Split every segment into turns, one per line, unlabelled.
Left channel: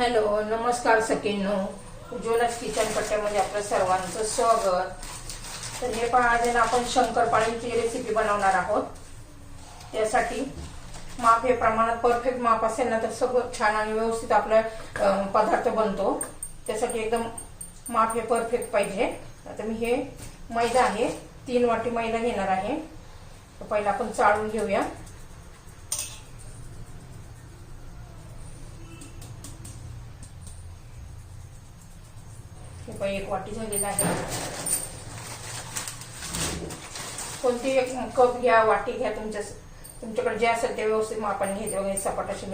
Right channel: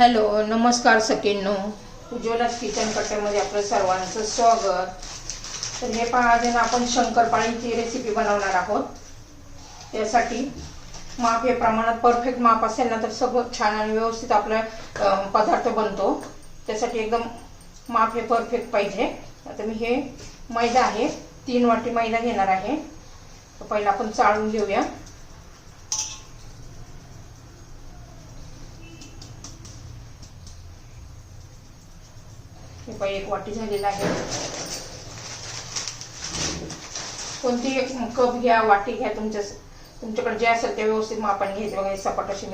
Hello नमस्कार सखींनो. उज्ज्वलाच kitchen कट्ट्यामध्ये आपलं सर्वांचं स्वागत. तर हे पण आज ना आपण शंकरपाळीची रेसिपी बनवणार आहोत. त्यासाठी माप हे प्रमाणात परफेक्ट माप असेल ना तर सगळं छान आणि व्यवस्थित आपला पदार्थ बनतो. त्यासाठी एकदम माप हे परफेक्ट पाहिजे. आता मी हे मैदा आहे तीन वाटी मैदा घेणार आहे. पहिला आपण चाळून घेऊया. रुपये एक वाटी झालेला आहे. कोणती एक कप घ्या वाटी घ्या तुमच्या तुमच्याकडे जे असेल ते व्यवस्थित मापाने घ्यायचे. वगैरे सपाट अशी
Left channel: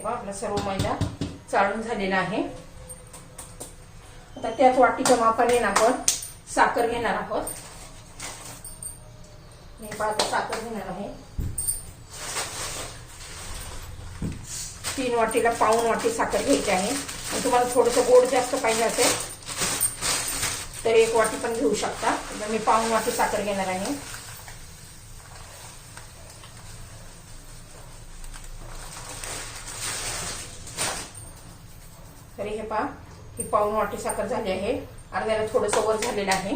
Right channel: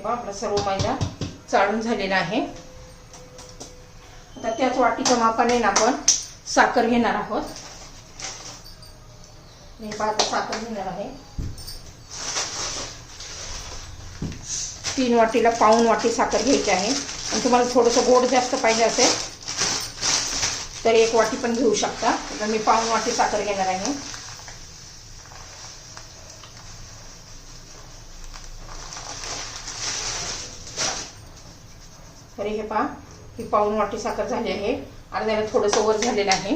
हे पहा आपला सर्व मैदा चाळून झालेला आहे. आता त्याच वाटीच्या मापाने आपण साखर घेणार आहोत. मी आता साखर घेणार आहे. तीन वाटीला पाऊन वाटी साखर घ्यायची आहे. आणि तुम्हाला थोडंसं गोड जास्त पाहिजे असेल तर एक वाटी पण घेऊ शकता. तर मी पाऊन वाटी साखर घेणार आहे. तरी हे पहा ही पाऊन वाटी साखर झाली आहे. अर्ध्याला थोडंसं वर झालेलं आहे.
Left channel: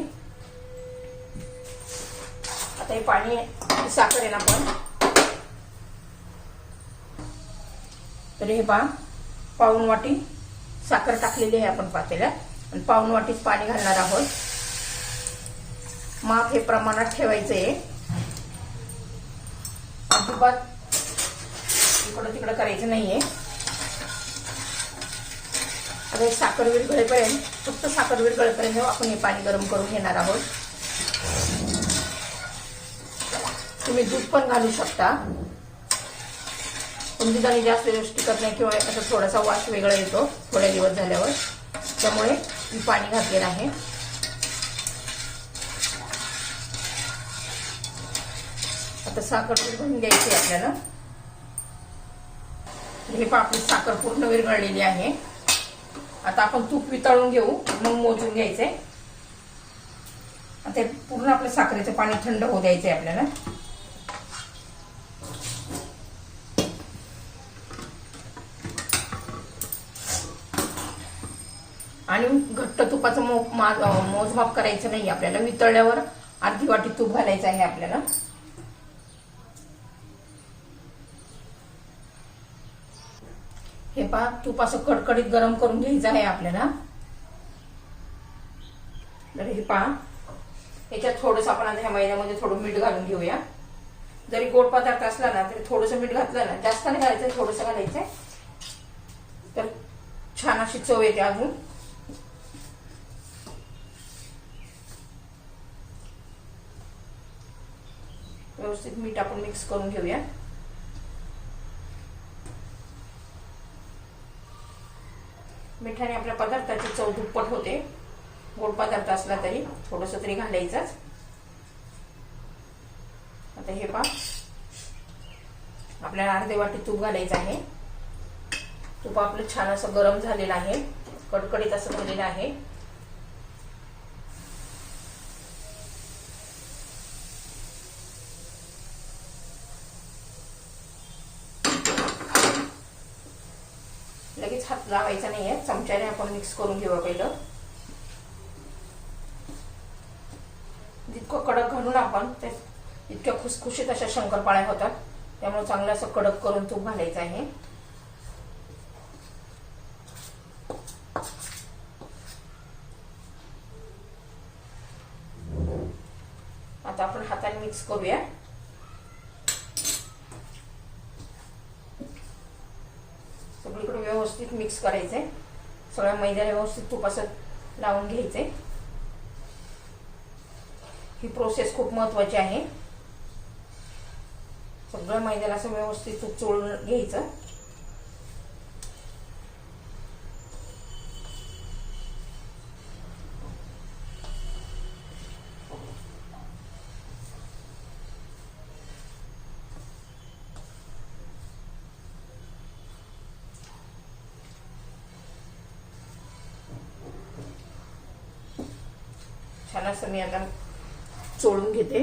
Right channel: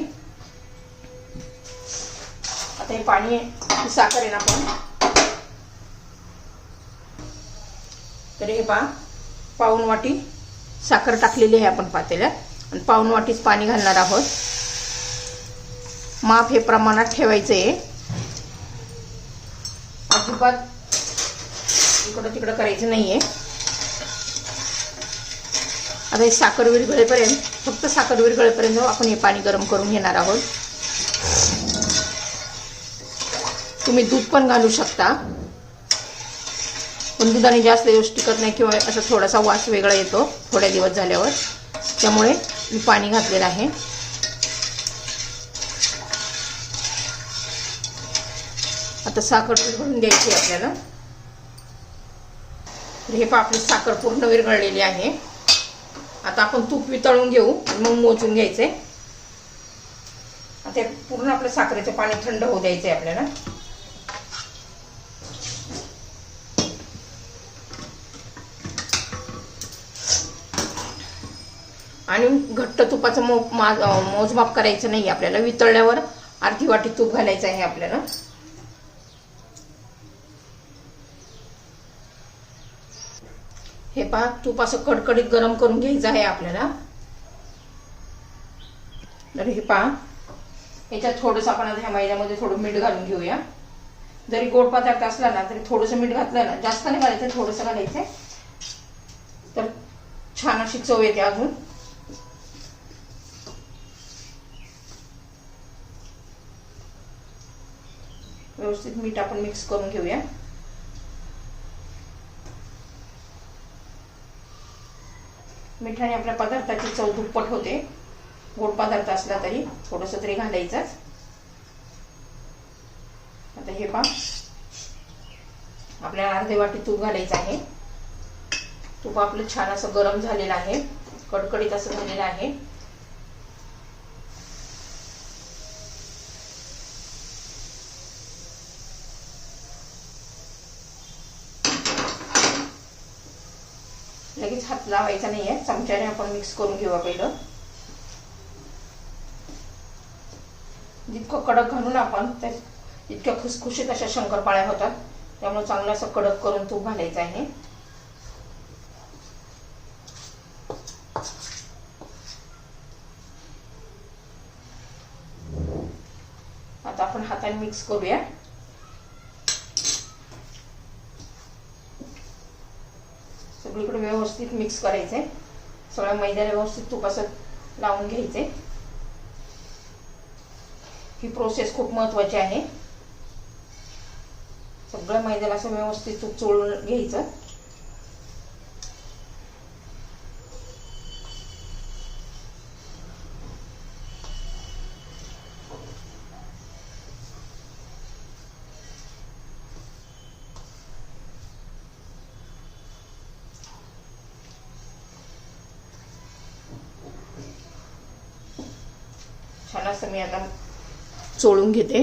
आता हे पाणी ही साखर आहे ना आपण. तरी हे पहा पाऊन वाटी साखर टाकलेली आहे आपण पातेल्यात. आणि पाऊन वाटीच पाणी घालणार आहोत. माप हे प्रमाणात ठेवायचं आहे अजिबात इकडं तिकडं करायचं नाहीये. आता हे साखर विरघळेपर्यंत फक्त साखर विरघळेपर्यंत हो, आपण हे पाणी गरम करून घेणार आहोत. तुम्ही दूध पण घालू शकता. पण दुधाने जास्त दिवस टिकत नाही किंवा असा थोडासा वास वेगळा येतो थोड्या दिवस झाल्यावर. त्यामुळे मी पाणी घातलेलं आहे. आता साखर विरघळून घ्यायची आहे आपल्याला. हे पहा आपली साखर पूर्ण विरघळलेली आहे. आता आपण तूप वितळून घेऊ मग मोजून घ्यायचे. आता पूर्ण आपलं साखरेचं पाणी थंड होऊ द्यायचे आपल्याला. आणि घट्ट तुपाचं मो मोजमाप करायचं नाही आपल्याला वितळल्यावर अर्धी वाटी तूप घालायचं आहे आपल्याला. पहा तूप असं कडकडीत गरम करून घ्यायचं आहे आपल्याला. तर हे पहा याच्यात थोडंसं आपण आता ह्या मैद्यामध्ये थोडं मीठ घालून घेऊया. जरी गोड पदार्थ असला ना तरी थोडंसं मीठ घातलं ना जास्त नाही घालायचं थोडंसं घालायचं. तर छान अशी चव येते अजून. व्यवस्थित मीठ आपण मिक्स करून घेऊया. मिठाने आपल्या पदार्थाची चव दुप्पट होते. गोड पदार्थ असला तरी थोडस तरी घालायचंच. आता हे पा आपल्याला अर्धे वाटी तूप घालायचं आहे. तूप आपलं छान असं गरम झालेलं आहे. कडकडीत असं झालेलं आहे. लगेच हात लावायचा नाहीये. चमच्याने आपण मिक्स करून घेऊया पहिलं. जितकं कडक घालून आपण ते इतक्या खुसखुशीत अशा शंकरपाळ्या होतात. त्यामुळे चांगलं असं कडक करून तूप घालायचं आहे. आता आपण हाताने मिक्स करूया. व्यवस्थित मिक्स करायचंय सगळ्या मैद्याला व्यवस्थित तुपासत लावून घ्यायचे. ही प्रोसेस खूप महत्वाची आहे. सगळं मैद्याला असं व्यवस्थित तूप चोळून घ्यायचं छान असं मी आता चोळून घेते.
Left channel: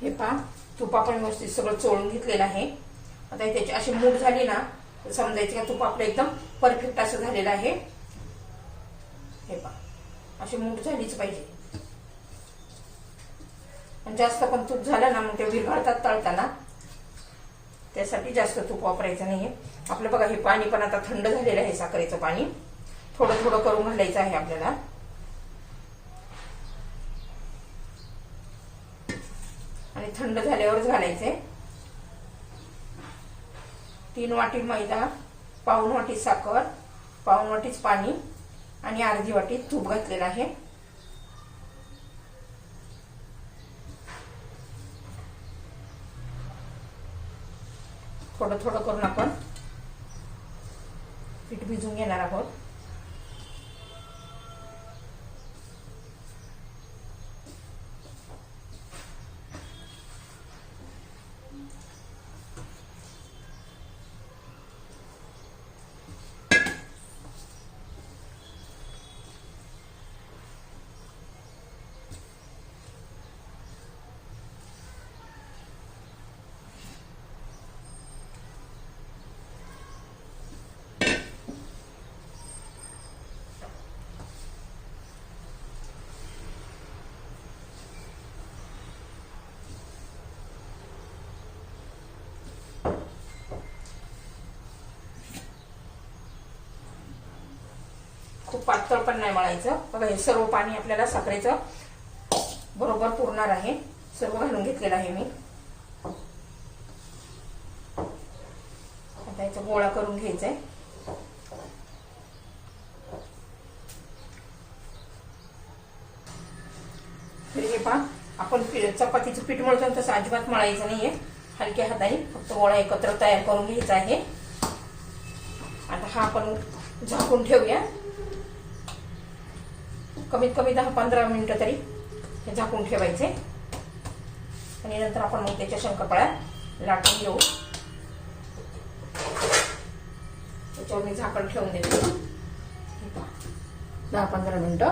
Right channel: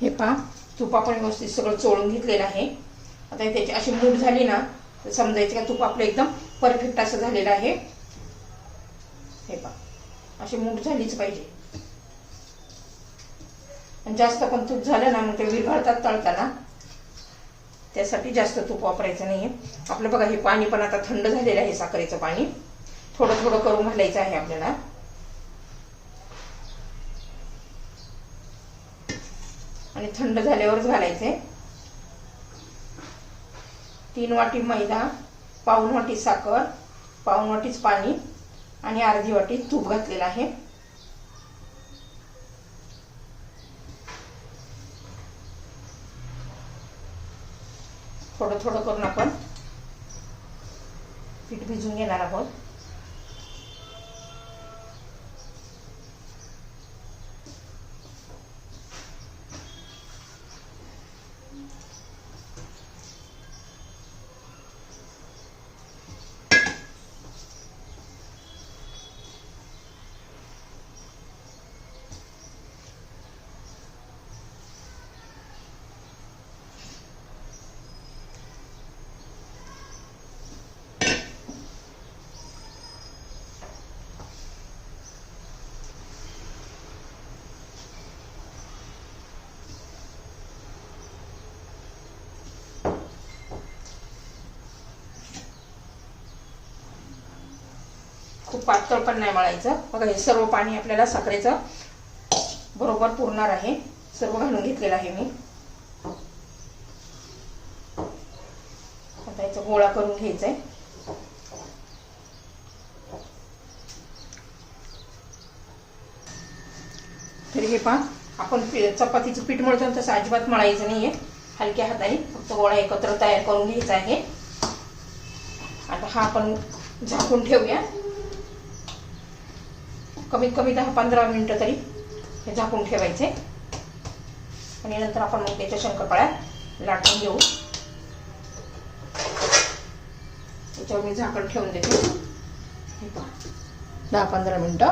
हे पहा तूप आपण व्यवस्थित सगळं चोळून घेतलेलं आहे. आता त्याची अशी मूठ झाली ना तर समजायचं का तूप आपलं एकदम परफेक्ट असं झालेलं आहे. हे पहा अशी मूठ झालीच पाहिजे. आणि जास्त पण तूप झालं ना मग ते विरघळतात तळताना. त्यासाठी जास्त तूप वापरायचं नाहीये. आपलं बघा हे पाणी पण आता थंड झालेलं आहे साखरेचं पाणी. थोडं थोडं करून घालायचं आहे आपल्याला. आणि थंड झाल्यावरच घालायचे. तीन वाटी मैदा पाऊन वाटी साखर पाऊन वाटीच पाणी आणि अर्धी वाटी तूप घातलेलं आहे. थोडं थोडं करून आपण पीठ भिजून घेणार आहोत. खूप पातळ पण नाही मळायचं. बघा हे सर्व पाणी आपल्याला साखरेचं बरोबर पुरणार आहे. सर्व घालून घेतलेलं आहे मी. आता याचा गोळा करून घ्यायचा आहे तरी हे पहा आपण चपातीचं पीठ मळतो तसं अजिबात मळायचं नाहीये. हलक्या हाताने फक्त गोळा एकत्र तयार करून घ्यायचा आहे. आता हा आपण झाकून ठेवूया. कमीत कमी दहा पंधरा मिनिटं तरी हे झाकून ठेवायचे. आणि नंतर आपण मग त्याच्या शंकरपाळ्या लाटून घेऊ. त्याच्यावर मी झाकण ठेवून देते. दहा पंधरा मिनिटं.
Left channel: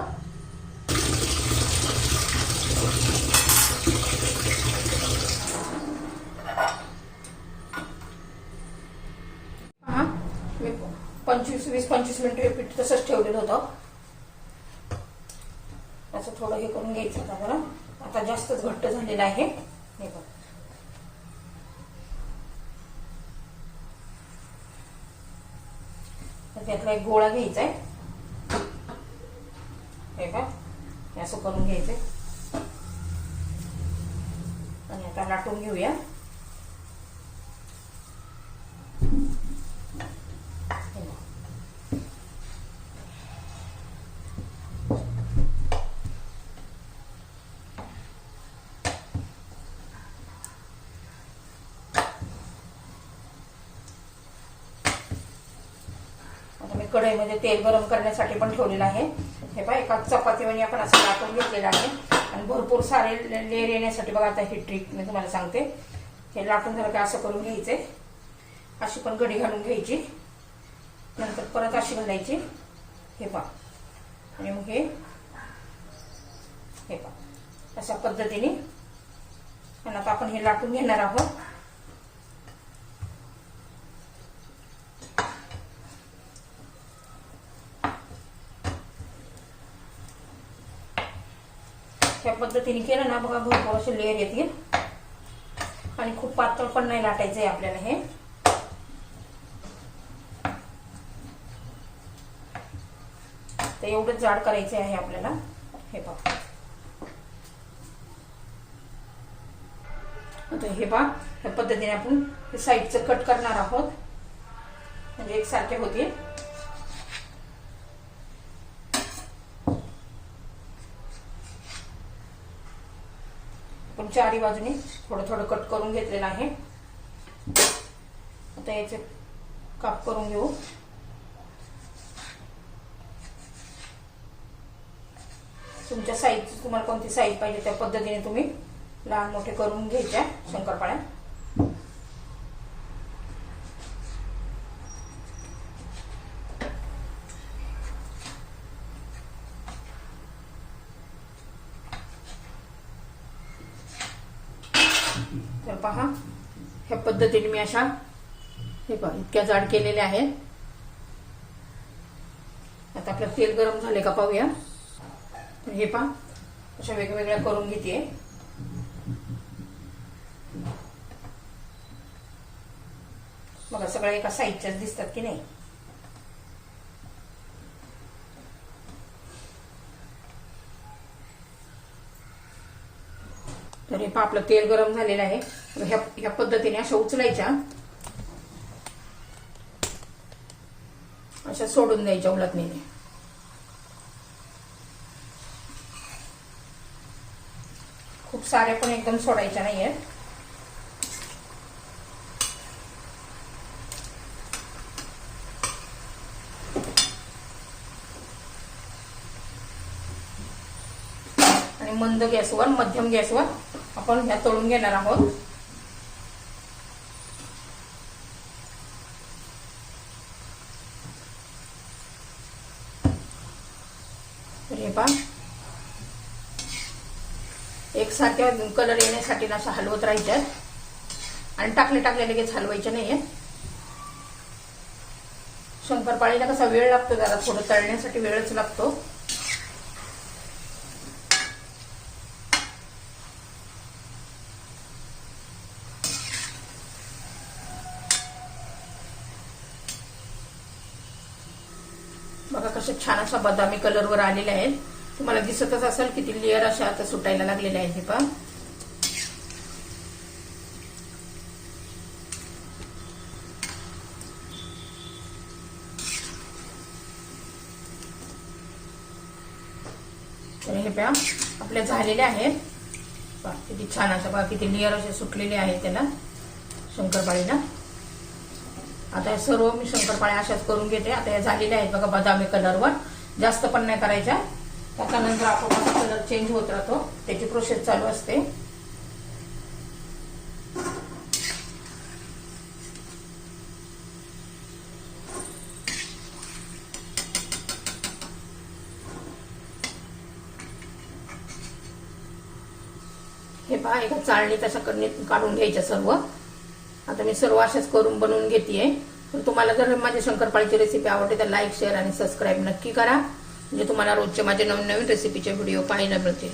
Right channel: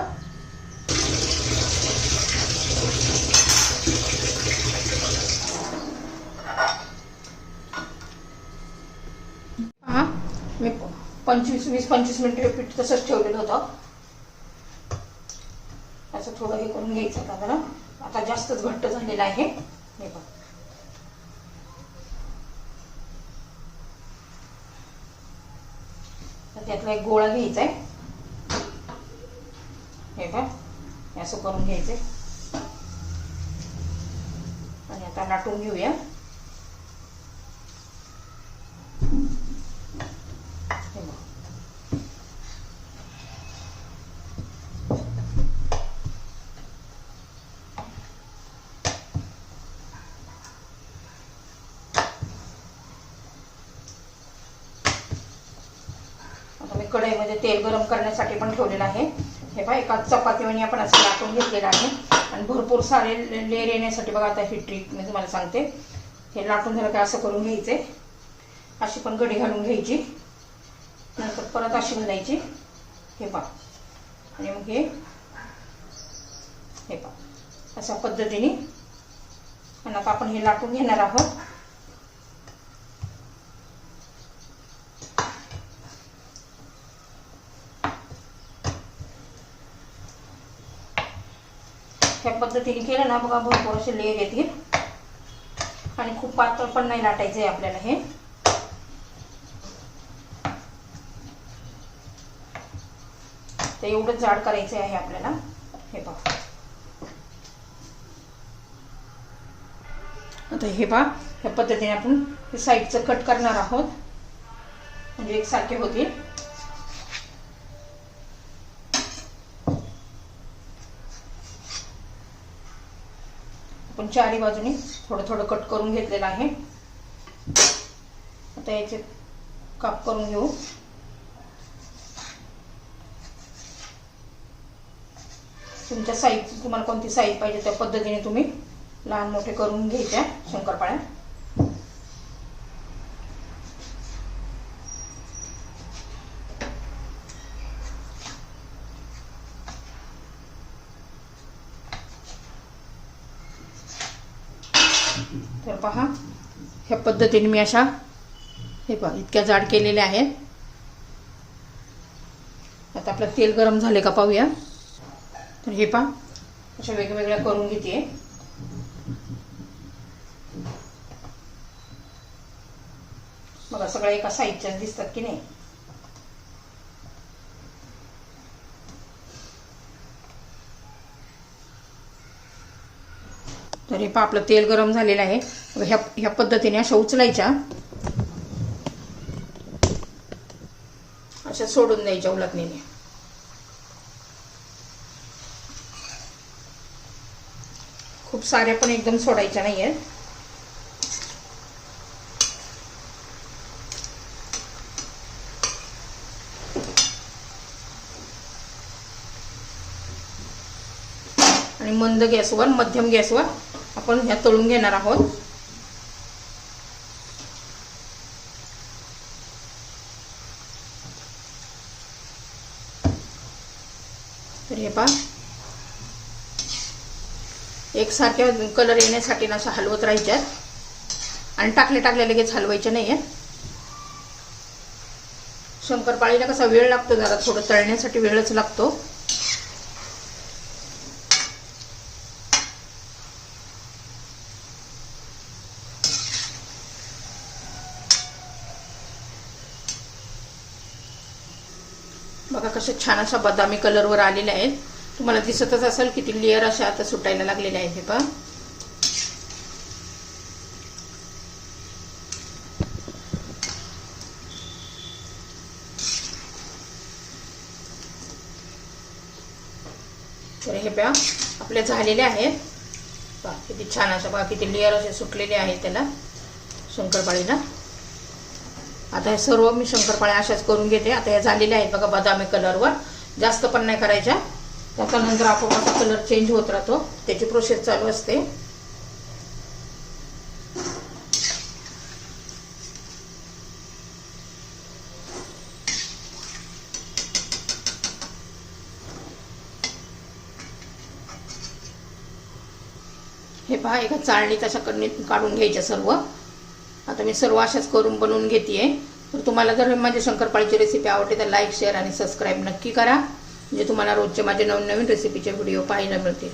पहा मी पंचवीस वीस पंचवीस मिनिटं हे पीठ तसंच ठेवलेलं होतं. थोडं हे करून घ्यायचं का बरं? आता जास्तच घट्ट झालेलं आहे. हे बघ. त्यातला एक गोळा घ्यायचा आहे हे बघ. असं करून घ्यायचंय. आणि आता लाटून घेऊया. कढईमध्ये म्हणजे तेल गरम करण्यासाठी पण ठेवलेलं आहे. हे पहा एका चपातीवानी आपण असं लाटून घेतलेलं आहे. आणि भरपूर सारे लेअर येण्यासाठी बघा आता ही ट्रिक मी तुम्हाला सांगते. हे लाटून झालं की असं करून घ्यायचे. अशी पण कढी घालून घ्यायची. नंतर परत अशी घालायची. हे पहा. आणि मग हे हे पहा. अशा पद्धतीने. आणि आता आपण हे लाटून घेणार आहोत ह्या पद्धतीने केलं ना बघा भरपूर असे लेअर येतील. आणि खूप पातळ पण नाही लाटायचंय आपल्याला हे. तर एवढंच जाड करायचं आहे आपल्याला. हे बघा. आता हे बघा ह्या पद्धतीने आपण साईडचं कट करणार आहोत. म्हणजे एकसारखे होतील. आपण चारी बाजूने थोडं थोडं कट करून घेतलेलं आहे. आता याचे काप करून घेऊ. तुमच्या साईज तुम्हाला कोणती साईज पाहिजे त्या पद्धतीने तुम्ही लहान मोठे करून घ्यायच्या शंकरपाळ्या. तर पहा ह्या पद्धतीने मी अशा हे पहा इतक्या जाड केलेल्या आहेत. आता आपलं तेल गरम झाले का पाहूया. तर हे पहा अशा वेगवेगळ्या करून घेते. बघा सगळ्या एका साईजच्याच दिसतात की नाही? तर हे पहा आपलं तेल गरम झालेलं आहे. ह्या ह्या पद्धतीने अशा उचलायच्या. अशा सोडून द्यायच्या उलटणीने. खूप साऱ्या पण एकदम सोडायच्या नाही आहेत आणि मंद गॅसवर मध्यम गॅसवर आपण ह्या तळून घेणार आहोत. तर हे पहा एकसारख्या कलर येण्यासाठी ना अशा हलवत राहायच्या आणि टाकले टाकले लगेच हलवायचे नाहीये. शंकरपाळीला कसा वेळ लागतो जरा थोडं तळण्यासाठी वेळच लागतो. बघा कसे छान अशा बदामी कलरवर आलेले आहेत. तुम्हाला दिसतच असेल किती लेअर अशा आता सुटायला लागलेल्या आहेत हे पहा. तर हे पहा आपले झालेले आहेत. किती छान अशा बघा किती लेअर असे सुटलेले आहेत त्याला शंकरपाळीला आता हे सर्व मी शंकरपाळ्या अशाच करून घेते. आता या झालेल्या आहेत बघा बदामी कलरवर. जास्त पण नाही करायच्या. त्याच्यानंतर आपण कलर चेंज होत राहतो. त्याची प्रोसेस चालू असते. हे पहा एका चाळणीत अशा कडणीत काढून घ्यायच्या सर्व. आता मी सर्व अशाच करून बनवून घेते तर तुम्हाला जर माझी शंकरपाळीची रेसिपी आवडली तर लाईक शेअर आणि सबस्क्राईब नक्की करा. म्हणजे तुम्हाला रोजचे माझे नवीन नवीन रेसिपीचे व्हिडिओ पाहायला मिळतील.